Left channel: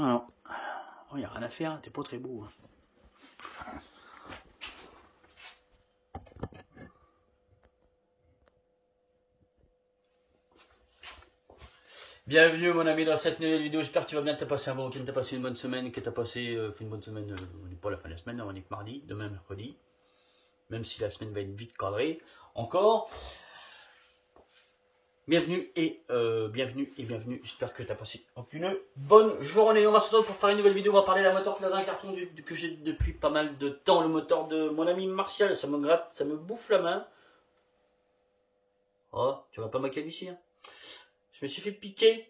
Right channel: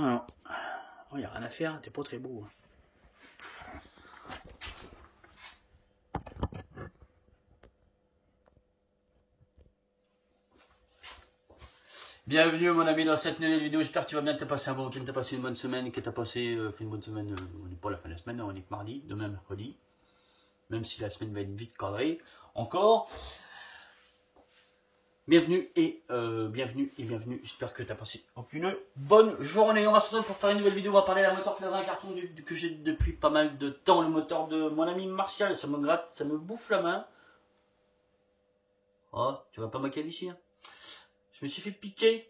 non. Il n'y a rien à faire, t'es pas très beau. Bienvenue mon ami dans cette nouvelle vidéo, j'espère que tu vas bien, que tu as passé un bon week-end, que tu as passé une bonne semaine, que tu as passé fait une bonne semaine, on n'est pas à la fin de la semaine, on est que mardi, demain mercredi, même si la semaine va être vite cadrée, encore. Bienvenue et bienvenue, j'espère que tu as passé une bonne journée. On va se retrouver pour faire une nouvelle vidéo, on va parler d'un moteur qui est dans un carton que j'ai depuis pas mal de temps, le moteur de mon ami Martial, ça me gratte, ça me bouffe la main. Oh, tu vas pas moquer d'ici, hein. Je me suis fait piquer.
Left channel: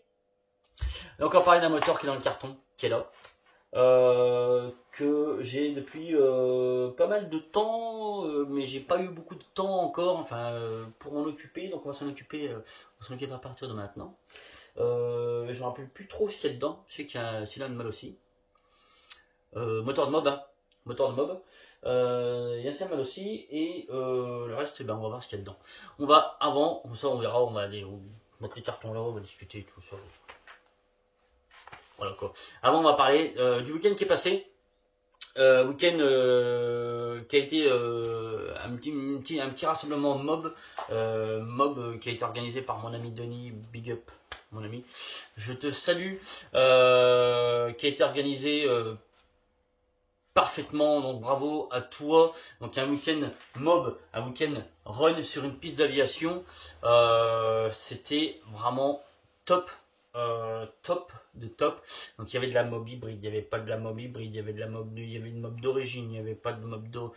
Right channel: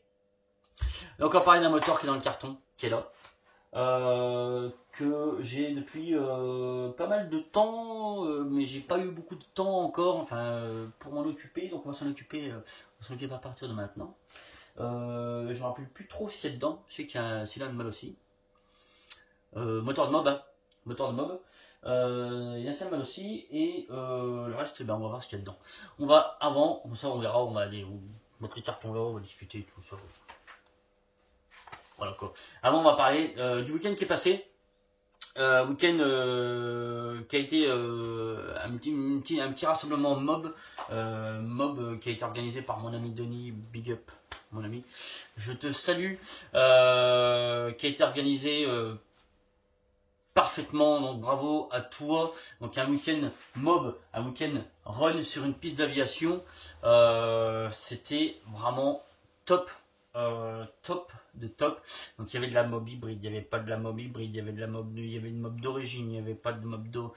Donc on va parler d'un moteur qui est dans le carton, qui est là. Que j'ai depuis pas mal de temps, mais j'ai pas eu beaucoup de temps encore, enfin pour m'en occuper, donc on va s'en occuper à partir de maintenant. Je me rappelle plus trop ce qu'il y a dedans, je sais qu'il y a un cylindre mal aussi. Moteur de mob, hein. Moteur de mob. Il y a ça mal aussi, et le reste, ben, on va voir ce qu'il y a dedans. On va avant, comme ça on verra, on va aller mettre les cartons là, on va discuter tout ça. Voilà quoi. Avant, on va parler du week-end qui est passé. Week-end qui a été un petit rassemblement mob. Mob qui a été organisé par mon ami Denis. Big up, mon ami. Je te salue. Qui a été organisé parfaitement. Donc bravo à toi. Donc un week-end mob, un week-end run sur une piste d'aviation. C'était vraiment top. Top de top. Donc il y avait de la mob hybride, il n'y avait pas de la mob hybride, il y avait de la mob, il y avait une mob d'origine, il n'y avait pas de mob d'eau,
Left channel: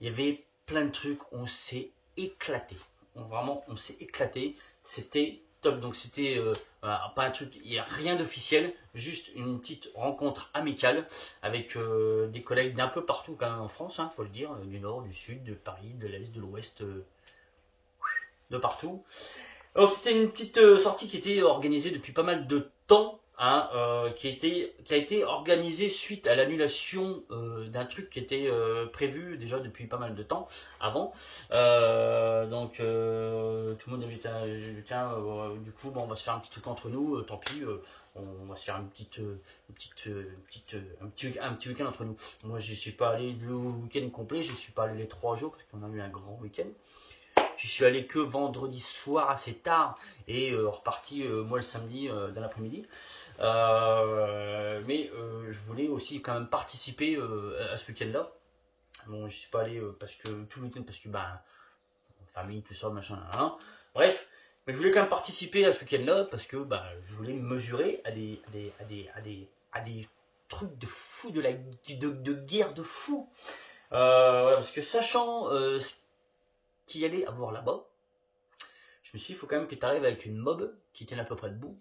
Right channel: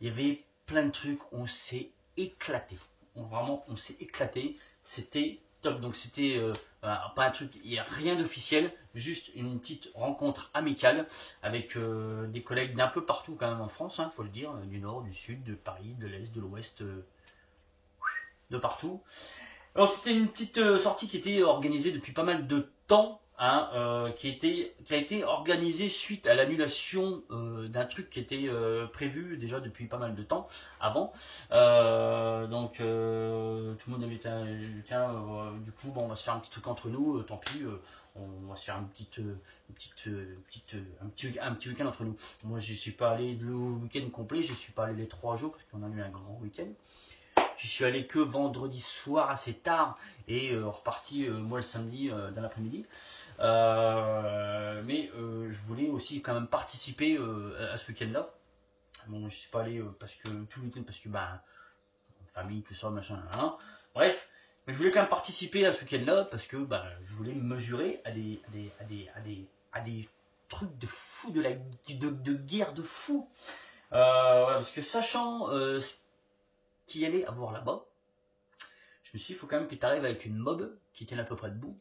il y avait plein de trucs, on s'est éclaté. On s'est éclaté, c'était top. Donc c'était voilà, pas un truc, il n'y a rien d'officiel, juste une petite rencontre amicale avec des collègues d'un peu partout quand même en France, hein, faut le dire, du nord, du sud, de Paris, de l'est, de l'ouest, de partout. Alors c'était une petite sortie qui était organisée depuis pas mal de temps, hein, qui a été organisée suite à l'annulation d'un truc qui était prévu déjà depuis pas mal de temps avant. Donc tout le monde a dit tiens, du coup bon, on va se faire un petit truc entre nous, tant pis, on va se faire un petit week-end entre nous. Moi je suis pas allé le week-end complet, je suis pas allé les 3 jours parce qu'on a eu un grand week-end. Je suis allé que vendredi soir assez tard et reparti moi le samedi dans l'après-midi. Mais je voulais aussi quand même participer à ce week-end-là. Bon, je suis pas allé parce que tout le week-end parce que bah famille tout ça machin. Hein. Bref, mais je voulais quand même participer à ce week-end-là parce que bah je voulais me mesurer à des trucs de fou, de guerre de fou. Voilà, parce que sachant qu'il y allait avoir là-bas, je me suis dit, il faut quand même que tu arrives avec une mob qui tienne à peu près debout,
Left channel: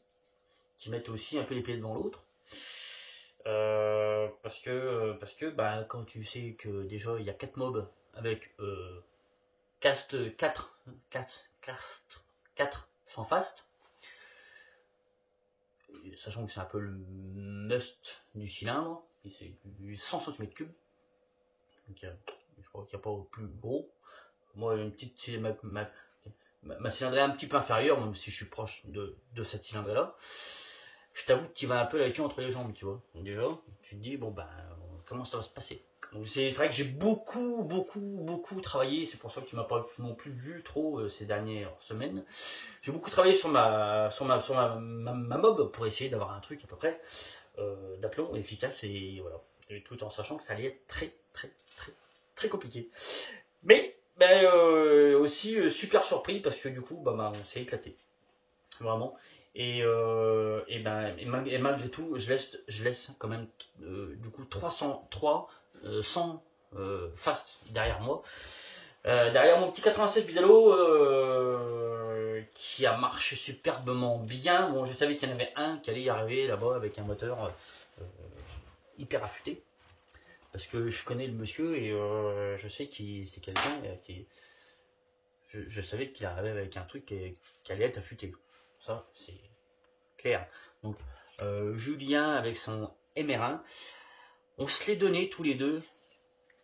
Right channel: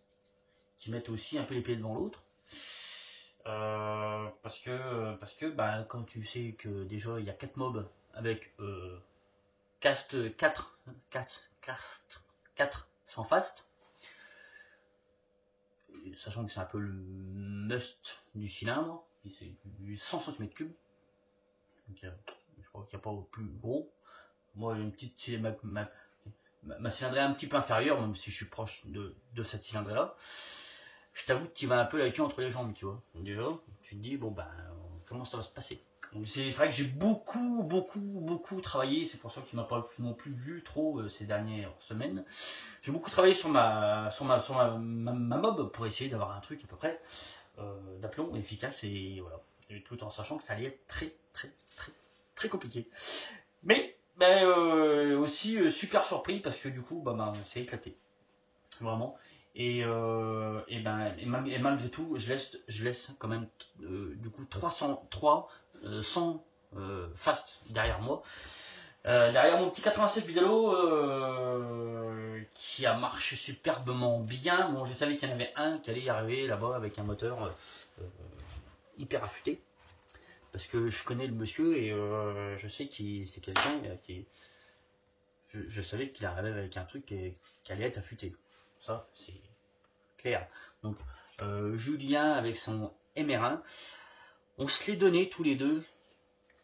qui mette aussi un peu les pieds devant l'autre. Parce que bah, quand tu sais que déjà il y a 4 mobs avec 4 sans fast, sachant que c'est un peu le must du cylindre, c'est du 100 cm3. Donc, je crois qu'il n'y a pas au plus gros. Moi, une petite ma cylindrée un petit peu inférieure, même si je suis proche de cette cylindrée là, je t'avoue que tu vas un peu la queue entre les jambes, tu vois. Donc déjà, tu te dis, bon ben, comment ça va se passer. Donc c'est vrai que j'ai beaucoup travaillé, c'est pour ça que tu m'as pas non plus vu trop ces dernières semaines. J'ai beaucoup travaillé sur ma mob pour essayer d'avoir un truc à peu près d'aplomb efficace et voilà. Et tout en sachant que ça allait être très compliqué. Mais ben, aussi super surpris parce que du coup bah, on s'est éclaté vraiment et malgré tout je laisse quand même du coup 100 fast derrière moi, derrière mon petit 87 Vidalo qui a marché superbement bien. Bon, je savais qu'il y en avait un qui allait y arriver là-bas avec un moteur hyper affûté. Parce que je connais le monsieur et je sais que c'est quelqu'un qui... Je savais qu'il arrivait avec un truc qui allait être affûté. Ça, c'est clair. Donc, Julien avec son MR1, on se l'est donné tous les deux,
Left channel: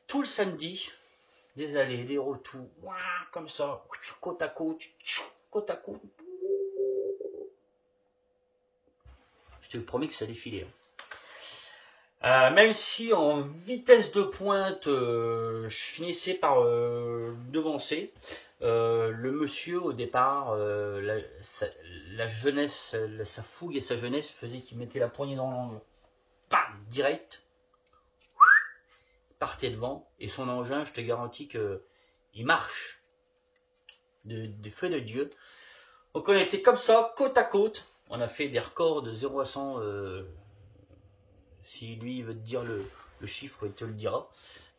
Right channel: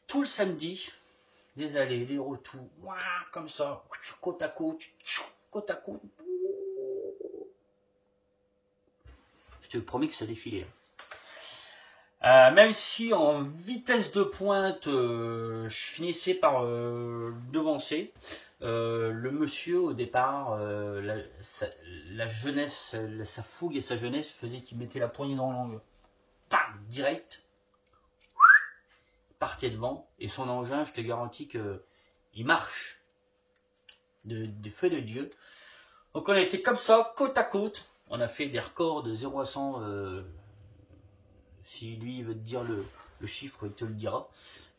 tout le samedi, des allées, des retours, comme ça, côte à côte, côte à côte. Je te promets que ça défilait. Même si en vitesse de pointe, je finissais par devancer, le monsieur au départ, la jeunesse, sa fougue et sa jeunesse faisait qu'il mettait la poignée dans l'angle. Bam, direct, partait devant, et son engin, je te garantis que il marche de feu de Dieu. Donc on a été comme ça, côte à côte, on a fait des records de 0 à 100. Si lui veut te dire le chiffre, il te le dira.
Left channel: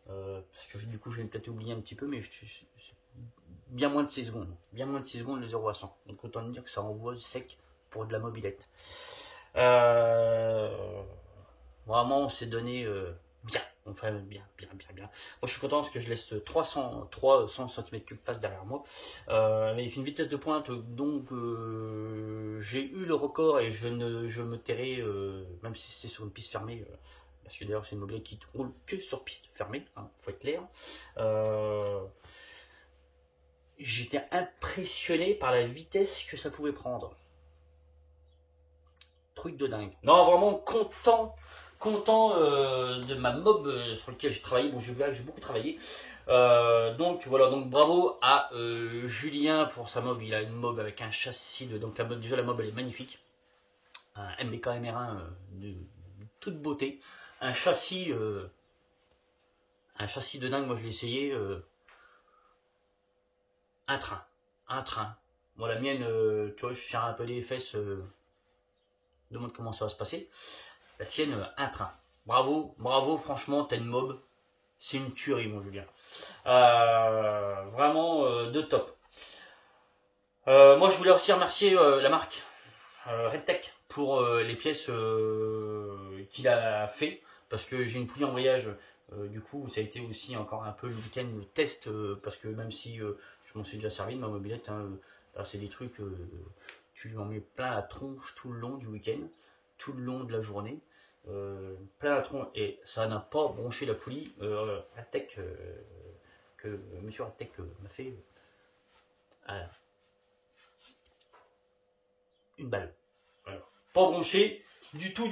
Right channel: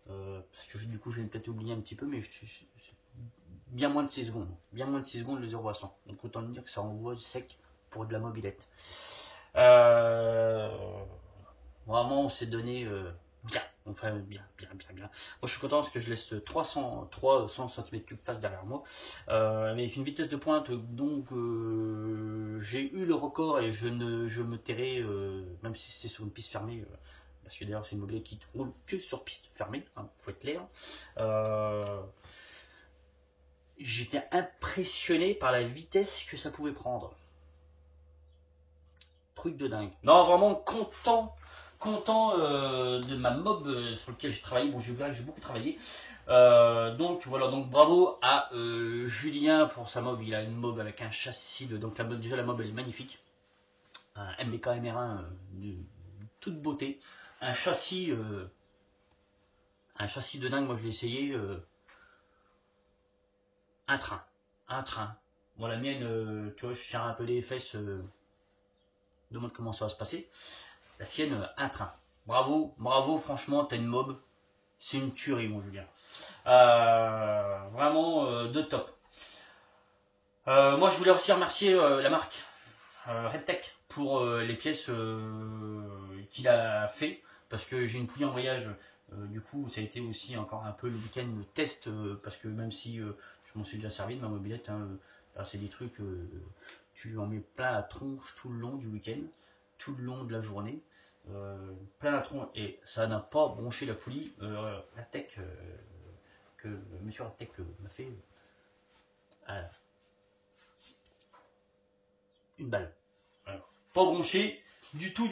Parce que du coup, je vais peut-être oublier un petit peu, mais bien moins de 6 secondes. Bien moins de 6 secondes, le 0 à 100. Donc autant dire que ça envoie sec pour de la mobilette. Vraiment, on s'est donné bien. Enfin, bien. Moi, je suis content parce que je laisse 300 cm3 face derrière moi. Avec une vitesse de pointe, donc j'ai eu le record et je me tairai, même si c'était sur une piste fermée. Parce que d'ailleurs, c'est une mobilette qui roule que sur piste fermée, hein, faut être clair. J'étais impressionné par la vitesse que ça pouvait prendre. Truc de dingue. Non, vraiment content de ma mob sur lequel j'ai travaillé. Bon, j'ai beaucoup travaillé. Donc voilà, donc bravo à Julien pour sa mob. Il a une mob avec un châssis de. Donc déjà la mob elle est magnifique. Un MBK MR1 de toute beauté. Un châssis de dingue. Moi je l'ai essayé. Un train. Bon, la mienne, tu vois, je serre un peu les fesses. Demande comment ça va se passer. La sienne, un train. Bravo, franchement, t'as une mob. C'est une tuerie, mon Julien. Vraiment de top. Moi, je voulais aussi remercier la marque RedTech pour les pièces qu'il a fait. Parce que j'ai une poulie en voyage. Du coup, ça a été aussi encore un peu le week-end test. Parce que même si je m'en suis déjà servi de ma mobilette, hein, c'est des trucs, tu en mets plein la tronche tout le long du week-end, tout le long de la journée. Plein la tronche, et ça n'a pas bronché la poulie. RedTech, que monsieur RedTech m'a fait une balle. Voilà. Pas bronché du tout.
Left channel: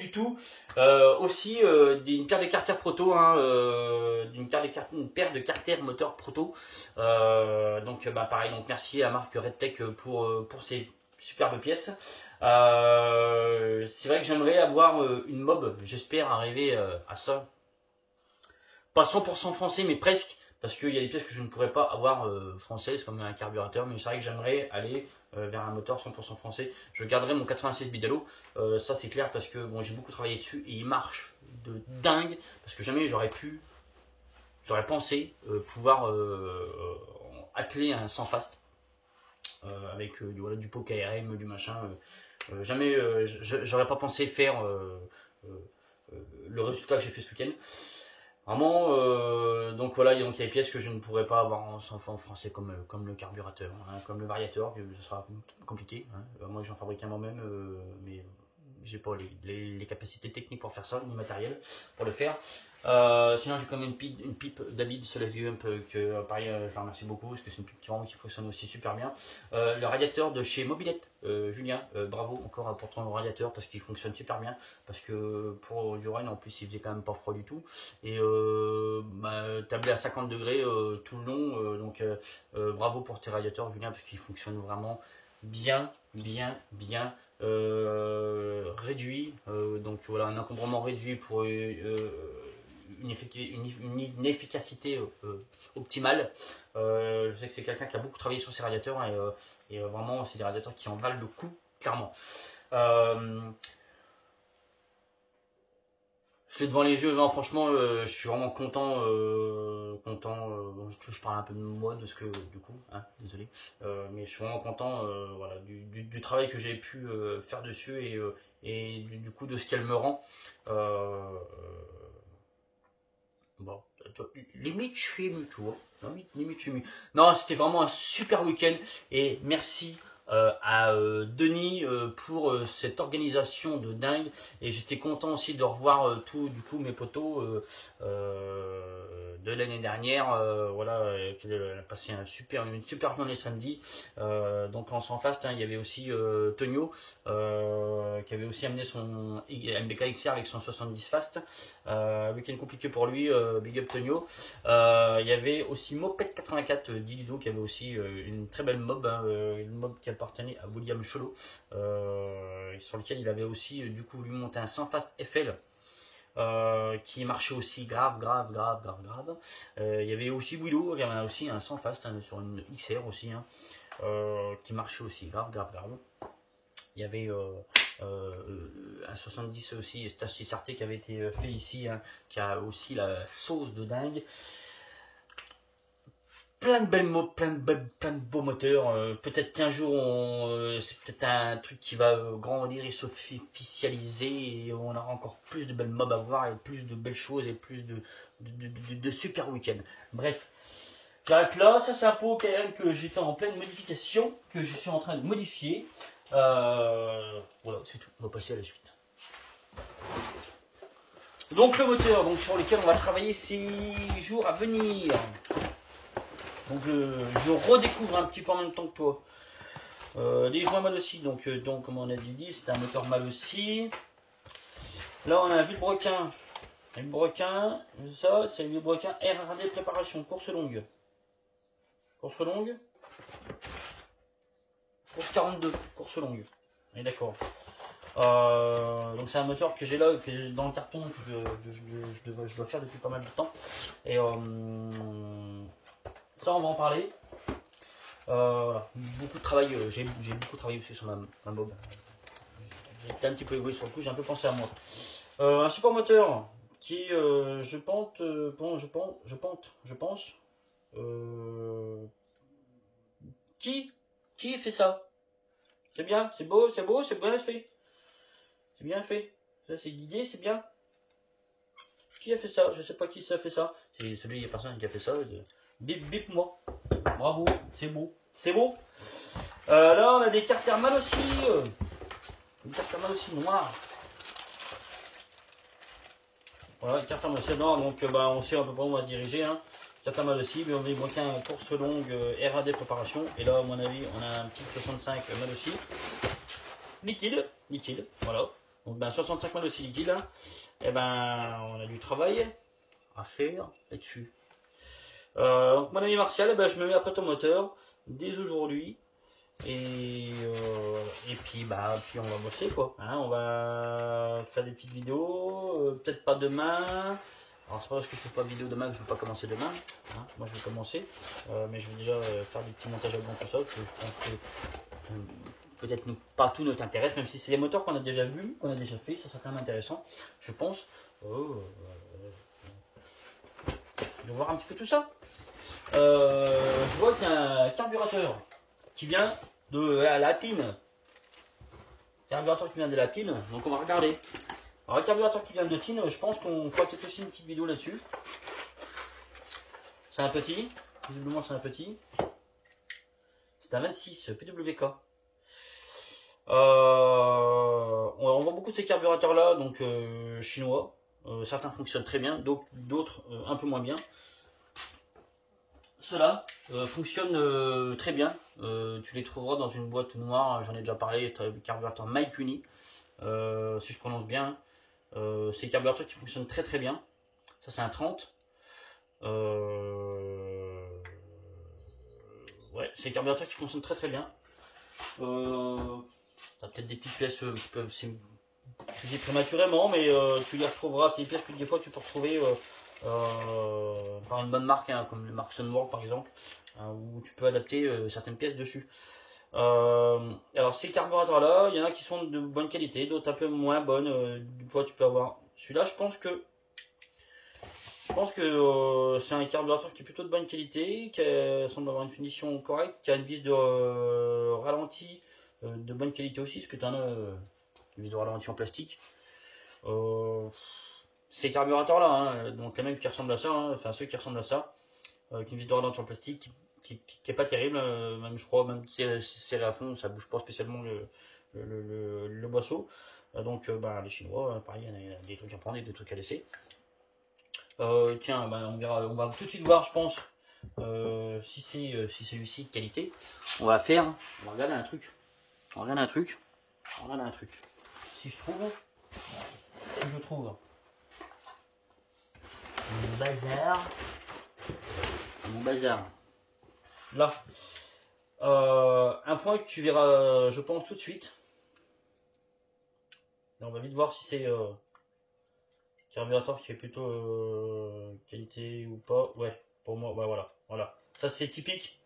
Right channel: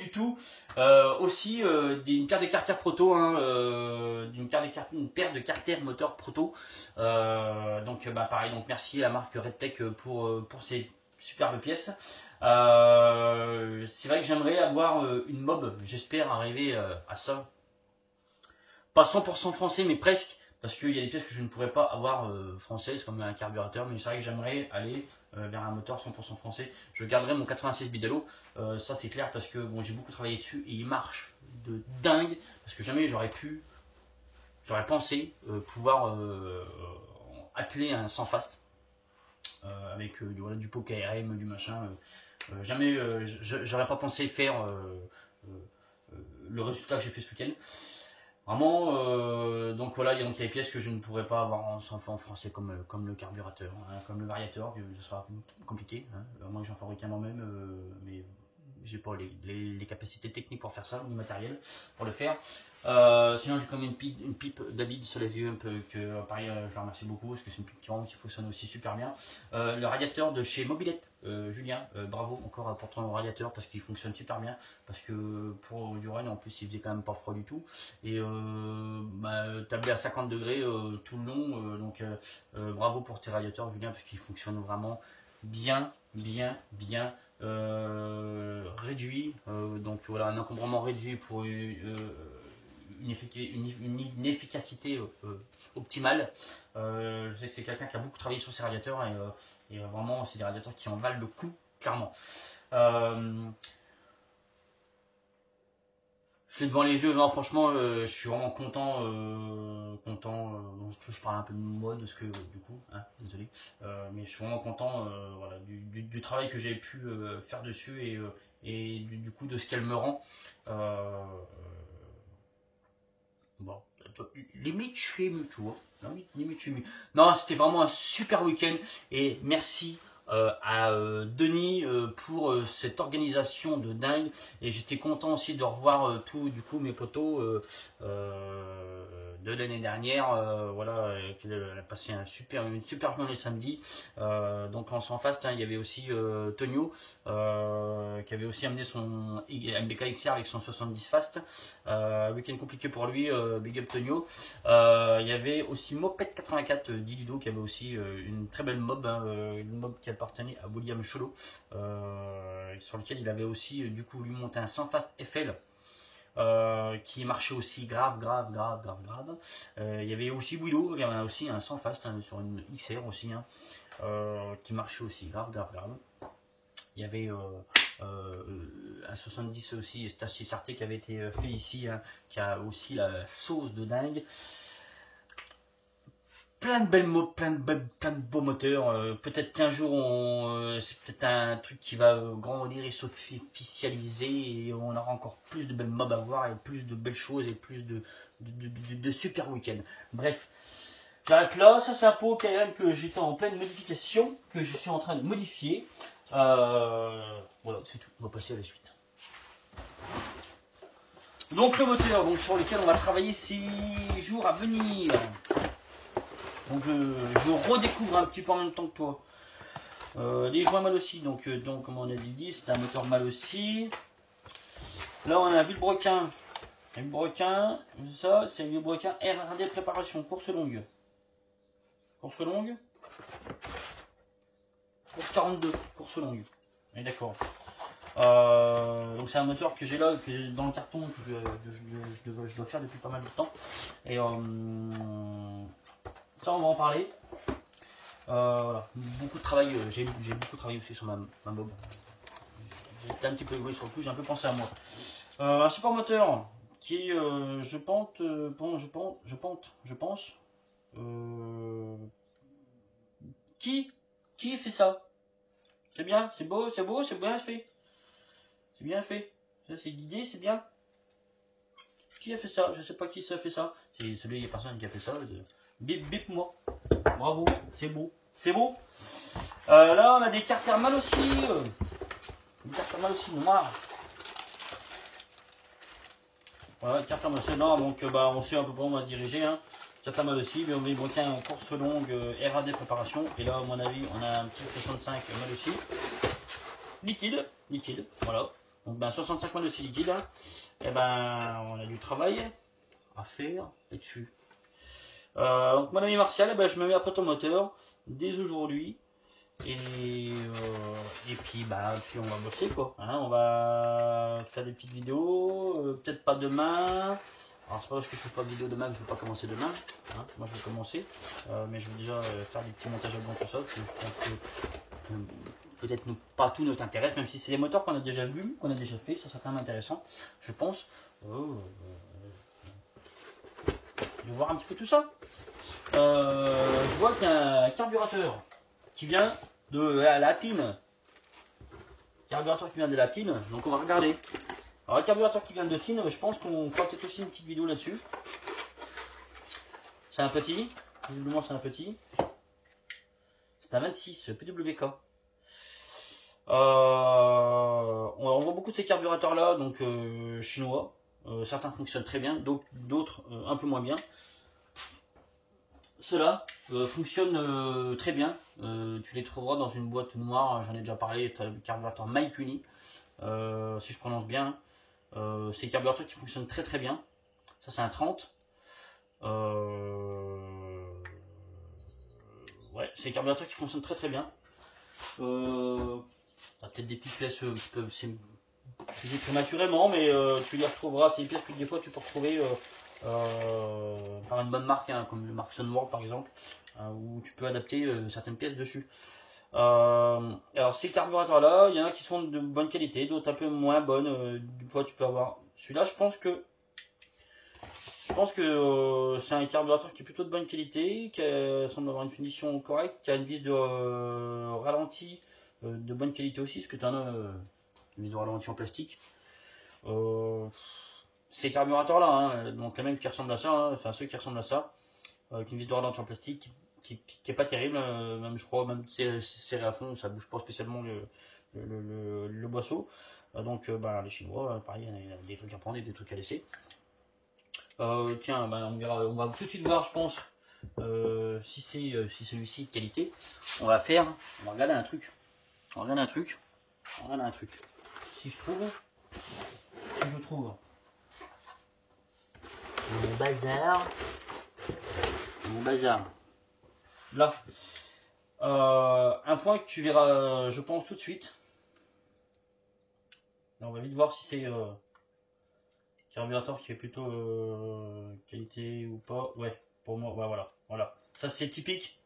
Aussi une paire de carters proto, hein, une paire de carters moteur proto. Donc pareil, donc merci à la marque RedTech pour ces superbes pièces. C'est vrai que j'aimerais avoir une mob, j'espère arriver à ça. Pas 100% français, mais presque, parce qu'il y a des pièces que je ne pourrais pas avoir françaises, comme un carburateur, mais c'est vrai que j'aimerais aller vers un moteur 100% français. Je garderai mon 96 Bidalo, ça c'est clair, parce que bon, j'ai beaucoup travaillé dessus, et il marche de dingue, parce que jamais j'aurais pensé pouvoir atteler un sans fast, avec voilà, du pot KRM, du machin. Jamais, j'aurais pas pensé faire le résultat que j'ai fait ce week-end. Vraiment, donc voilà, il y a des pièces que je ne pourrais pas avoir en français, comme le carburateur, hein, comme le variateur, ce sera compliqué. Hein. Moi, j'en fabrique un moi-même, mais j'ai pas les capacités techniques pour faire ça, ni matériel pour le faire. Sinon, j'ai quand même une pipe David sur les yeux, que pareil, je la remercie beaucoup, parce que c'est une pipe qui fonctionne aussi super bien. Le radiateur de chez Mobilette, Julien, bravo encore pour ton radiateur, parce qu'il fonctionne super bien, parce que pour du run, en plus, il faisait quand même pas froid du tout, et tablé à 50 degrés tout le long, donc bravo pour tes radiateurs, Julien, parce qu'ils fonctionnent vraiment bien réduit, donc voilà, un encombrement réduit pour une efficacité optimale. Je sais que c'est quelqu'un qui a beaucoup travaillé sur ses radiateurs, et vraiment c'est des radiateurs qui en valent le coup, clairement. Je l'ai devant les yeux, non, franchement, je suis vraiment content. Bon, je parle un peu de moi, de ce que, du coup, hein, désolé, mais je suis vraiment content, voilà, du travail que j'ai pu faire dessus, et du coup de ce qu'elle me rend. Bon, limite, je suis ému, tu vois. Limite, je suis ému. Non, c'était vraiment un super week-end, et merci à Denis pour cette organisation de dingue, et j'étais content aussi de revoir tout du coup mes potos de l'année dernière, voilà, qui a passé une super journée samedi. Donc en sans fast, hein, il y avait aussi Tonio qui avait aussi amené son MBK XR avec son 70 fast, week-end compliqué pour lui, big up Tonio. Il y avait aussi Moped 84 Dilido qui avait aussi une très belle mob, hein, une mob qui appartenait à William Cholo, sur lequel il avait aussi du coup lui monté un 100 fast FL. Qui marchait aussi grave. Il y avait aussi Willow, il y avait aussi un 100 fast, hein, sur une XR aussi, hein, qui marchait aussi grave. Il y avait un 70 aussi, Stacy Sarté qui avait été fait ici, hein, qui a aussi la sauce de dingue. Plein de belles mots, plein de beaux moteurs. Peut-être qu'un jour, c'est peut-être un truc qui va grandir et s'officialiser, et on aura encore plus de belles mobs à voir, et plus de belles choses, et plus de super week-ends. Bref, j'arrête là. Ça, c'est un pot KM que j'étais en pleine modification, que je suis en train de modifier. Voilà, c'est tout. On va passer à la suite. Donc le moteur, donc sur lequel on va travailler ces jours à venir. Donc je redécouvre un petit peu en même temps que toi. Les joints mal aussi, donc comme on a dit, c'est un moteur mal aussi. Là on a un vilebrequin. Vilebrequin, ça c'est un vilebrequin RRD préparation, course longue. Course longue. Course 42, course longue. On est d'accord. Donc c'est un moteur que j'ai là, que dans le carton, que je dois faire depuis pas mal de temps. Et ça on va en parler. Voilà, beaucoup de travail, j'ai beaucoup travaillé aussi sur ma mob. J'ai été un petit peu égoïste sur le coup, j'ai un peu pensé à moi. Un support moteur qui je pense, qui fait ça? C'est bien, c'est beau, c'est bien fait. C'est bien fait. C'est guidé, c'est bien. Qui a fait ça? Je sais pas qui ça a fait ça. C'est celui, il n'y a personne qui a fait ça. Bip bip moi. Bravo, c'est beau. C'est beau. Là, on a des cartes thermales aussi. Des cartes thermales aussi noires. Voilà, des cartes thermales aussi noires. Donc, on sait à peu près où on va se diriger. Hein. Cartes thermales aussi. Mais on va bloquer en course longue RAD préparation. Et là, à mon avis, on a un petit 65 mal aussi. Liquide. Voilà. Donc, 65 mal aussi liquide. Hein. Et on a du travail à faire là-dessus. Donc mon ami Martial, je me mets après ton moteur dès aujourd'hui, et puis on va bosser quoi, hein, on va faire des petites vidéos, peut-être pas demain. Alors c'est pas parce que je fais pas de vidéo demain que je vais pas commencer demain, hein. Moi je vais commencer, mais je vais déjà faire des petits montages à blanc pour ça, parce que je pense que peut-être pas tout ne t'intéresse, même si c'est des moteurs qu'on a déjà vus, qu'on a déjà fait, ça sera quand même intéressant, je pense. Je vais voir un petit peu tout ça. Je vois qu'il y a un carburateur qui vient de la Latine. Carburateur qui vient de Latine, donc on va regarder. Alors le carburateur qui vient de Latine, je pense qu'on fera peut-être aussi une petite vidéo là-dessus. C'est un petit, visiblement c'est un petit. C'est un 26 PWK. On voit beaucoup de ces carburateurs là, donc chinois. Certains fonctionnent très bien, d'autres un peu moins bien. Ceux-là fonctionnent très bien. Tu les trouveras dans une boîte noire, j'en ai déjà parlé, tu as le carburateur Maikuni, si je prononce bien. C'est des carburateurs qui fonctionnent très bien. Ça c'est un 30. Ouais, c'est des carburateurs qui fonctionnent très bien. T'as peut-être des petites pièces qui peuvent s'utiliser prématurément, mais tu les retrouveras. C'est des pièces que des fois tu peux retrouver par une bonne marque, hein, comme le marque Sunworld par exemple, hein, où tu peux adapter certaines pièces dessus. Alors ces carburateurs là, il y en a qui sont de bonne qualité, d'autres un peu moins bonnes. Des fois tu peux avoir celui-là. Je pense que c'est un carburateur qui est plutôt de bonne qualité, qui semble avoir une finition correcte, qui a une vis de ralenti de bonne qualité aussi, parce que tu en as une vis de ralenti en plastique. Ces carburateurs là, hein, donc les mêmes qui ressemblent à ça, hein, enfin ceux qui ressemblent à ça, avec une vis de ralenti en plastique, qui est pas terrible, même je crois, même si c'est serré à fond, ça bouge pas spécialement le boisseau. Donc bah, les Chinois, pareil, il y a des trucs à prendre et des trucs à laisser. Tiens, bah, on va tout de suite voir, je pense, si c'est celui-ci de qualité. On va regarder un truc. On va regarder un truc. On va regarder un truc. Si je trouve mon bazar. Là, un point que tu verras, je pense, tout de suite. Et on va vite voir si c'est carburateur qui est plutôt qualité ou pas. Ouais, pour moi, ouais, voilà. Ça c'est typique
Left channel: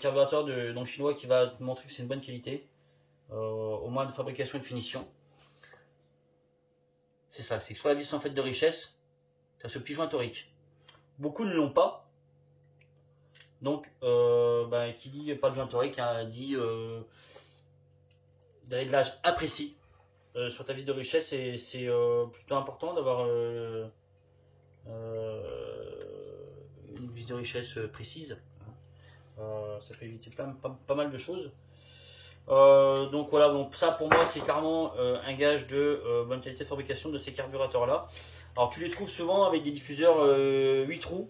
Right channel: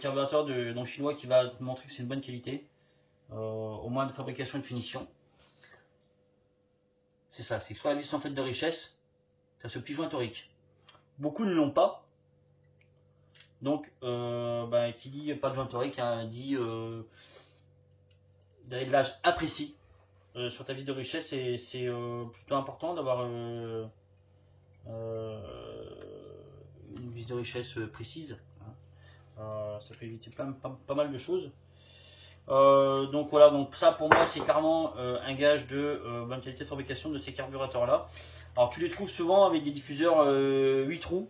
carburateur donc chinois qui va te montrer que c'est une bonne qualité, au moins de fabrication et de finition. C'est ça, c'est que sur la vis en fait de richesse, tu as ce petit joint torique. Beaucoup ne l'ont pas. Donc, bah, qui dit pas de joint torique, hein, dit d'un réglage imprécis sur ta vis de richesse. C'est plutôt important d'avoir une vis de richesse précise. Ça peut éviter pas mal de choses. Donc voilà, donc ça pour moi c'est clairement un gage de bonne qualité de fabrication de ces carburateurs là. Alors tu les trouves souvent avec des diffuseurs 8 trous,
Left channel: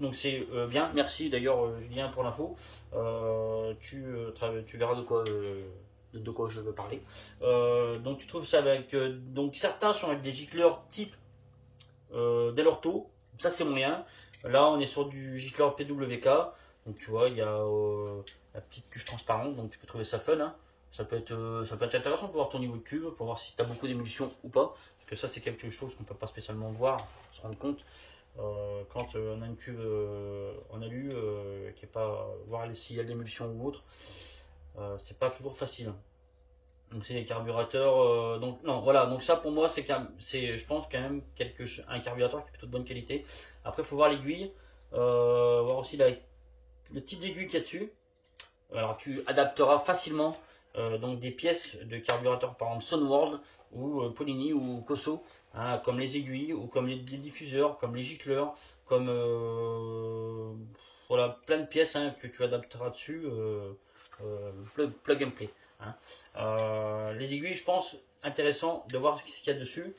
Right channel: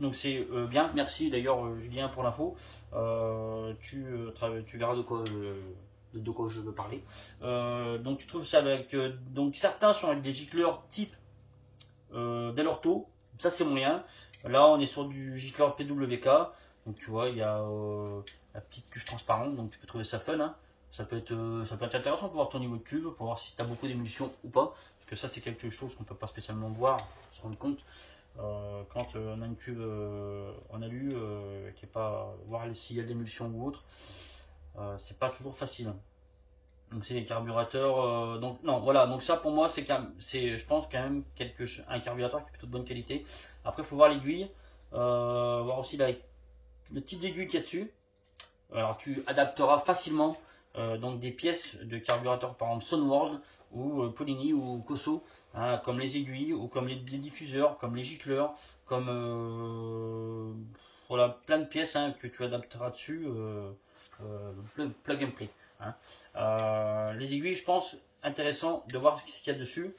donc c'est bien, merci d'ailleurs Julien pour l'info. Tu verras de quoi je veux parler. Donc tu trouves ça avec, donc certains sont avec des gicleurs type Delorto, ça c'est moyen. Là on est sur du gicleur PWK, donc tu vois il y a la petite cuve transparente, donc tu peux trouver ça fun, hein. Ça peut être intéressant pour voir ton niveau de cuve, pour voir si tu as beaucoup d'émulsion ou pas, parce que ça c'est quelque chose qu'on peut pas spécialement voir, se rendre compte quand on a une cuve en alu qui est pas, voir s'il y a de l'émulsion ou autre, c'est pas toujours facile. Donc c'est les carburateurs, donc non voilà, donc ça pour moi c'est je pense quand même un carburateur qui est plutôt de bonne qualité. Après il faut voir l'aiguille, voir aussi le type d'aiguille qu'il y a dessus. Alors tu adapteras facilement donc des pièces de carburateur, par exemple Sunworld ou Polini ou Koso, hein, comme les aiguilles ou comme les diffuseurs, comme les gicleurs, comme voilà, plein de pièces, hein, que tu adapteras dessus, plug and play, hein. Les aiguilles, je pense intéressant de voir ce qu'il y a dessus.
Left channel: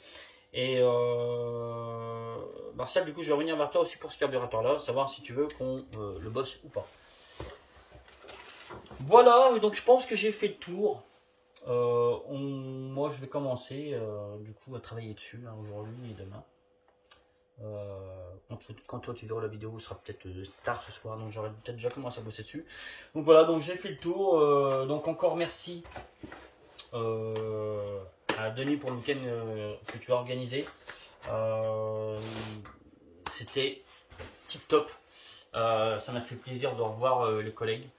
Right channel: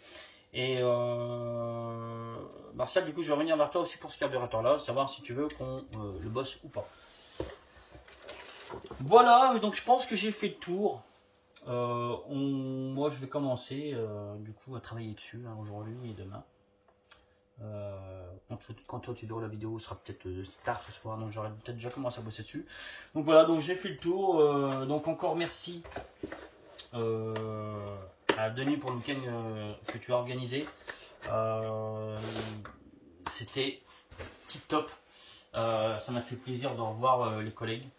Et Martial, du coup je vais revenir vers toi aussi pour ce carburateur là, savoir si tu veux qu'on le bosse ou pas. Voilà, donc je pense que j'ai fait le tour. Moi je vais commencer du coup à travailler dessus, hein, aujourd'hui et demain. Quand toi tu verras la vidéo, ce sera peut-être tard ce soir, donc j'aurai peut-être déjà commencé à bosser dessus. Donc voilà, donc j'ai fait le tour. Donc encore merci à Denis pour le week-end que tu as organisé. C'était tip top. Ça m'a fait plaisir de revoir les collègues.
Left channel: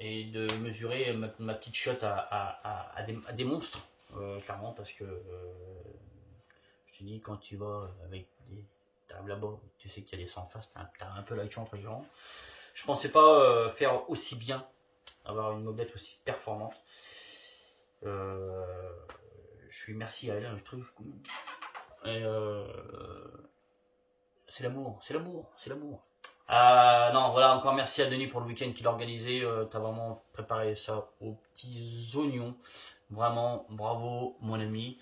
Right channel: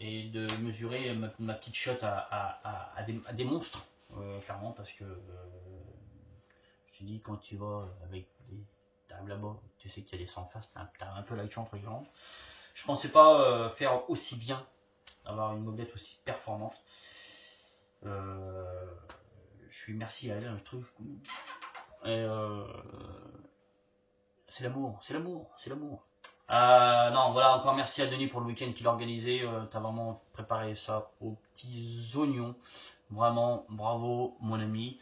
Et de mesurer ma petite shot à des monstres, clairement, parce que je te dis, quand tu vas avec t'arrives là-bas, tu sais qu'il y a des sangs en face, t'as un peu l'action entre les rangs. Je pensais pas faire aussi bien, avoir une mobilette aussi performante. Je suis merci à elle, hein, je trouve. Et c'est l'amour. Non, voilà, encore merci à Denis pour le week-end qu'il a organisé. Tu as vraiment préparé ça aux petits oignons. Vraiment, bravo, mon ami.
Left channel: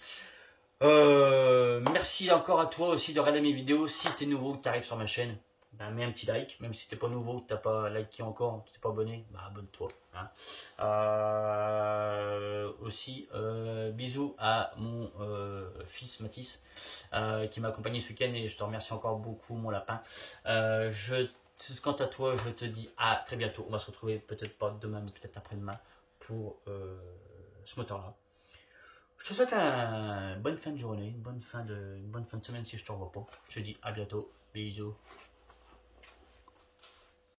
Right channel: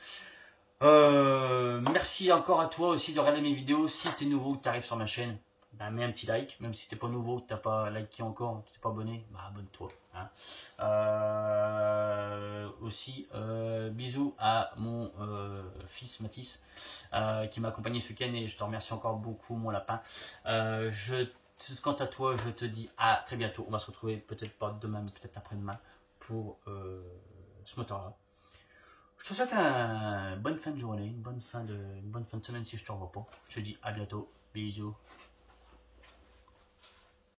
Merci encore à toi aussi de regarder mes vidéos. Si tu es nouveau, que tu arrives sur ma chaîne, ben, mets un petit like. Même si tu n'es pas nouveau, que tu n'as pas liké encore, que tu n'es pas abonné, ben, abonne-toi, hein. Aussi, bisous à mon fils Mathis qui m'a accompagné ce week-end, et je te remercie encore beaucoup, mon lapin. Quant à toi, je te dis à très bientôt. On va se retrouver peut-être pas demain, mais peut-être après-demain pour ce moteur-là. Je te souhaite une bonne fin de journée, une bonne fin de semaine si je te revois pas. Je te dis à bientôt. Bisous.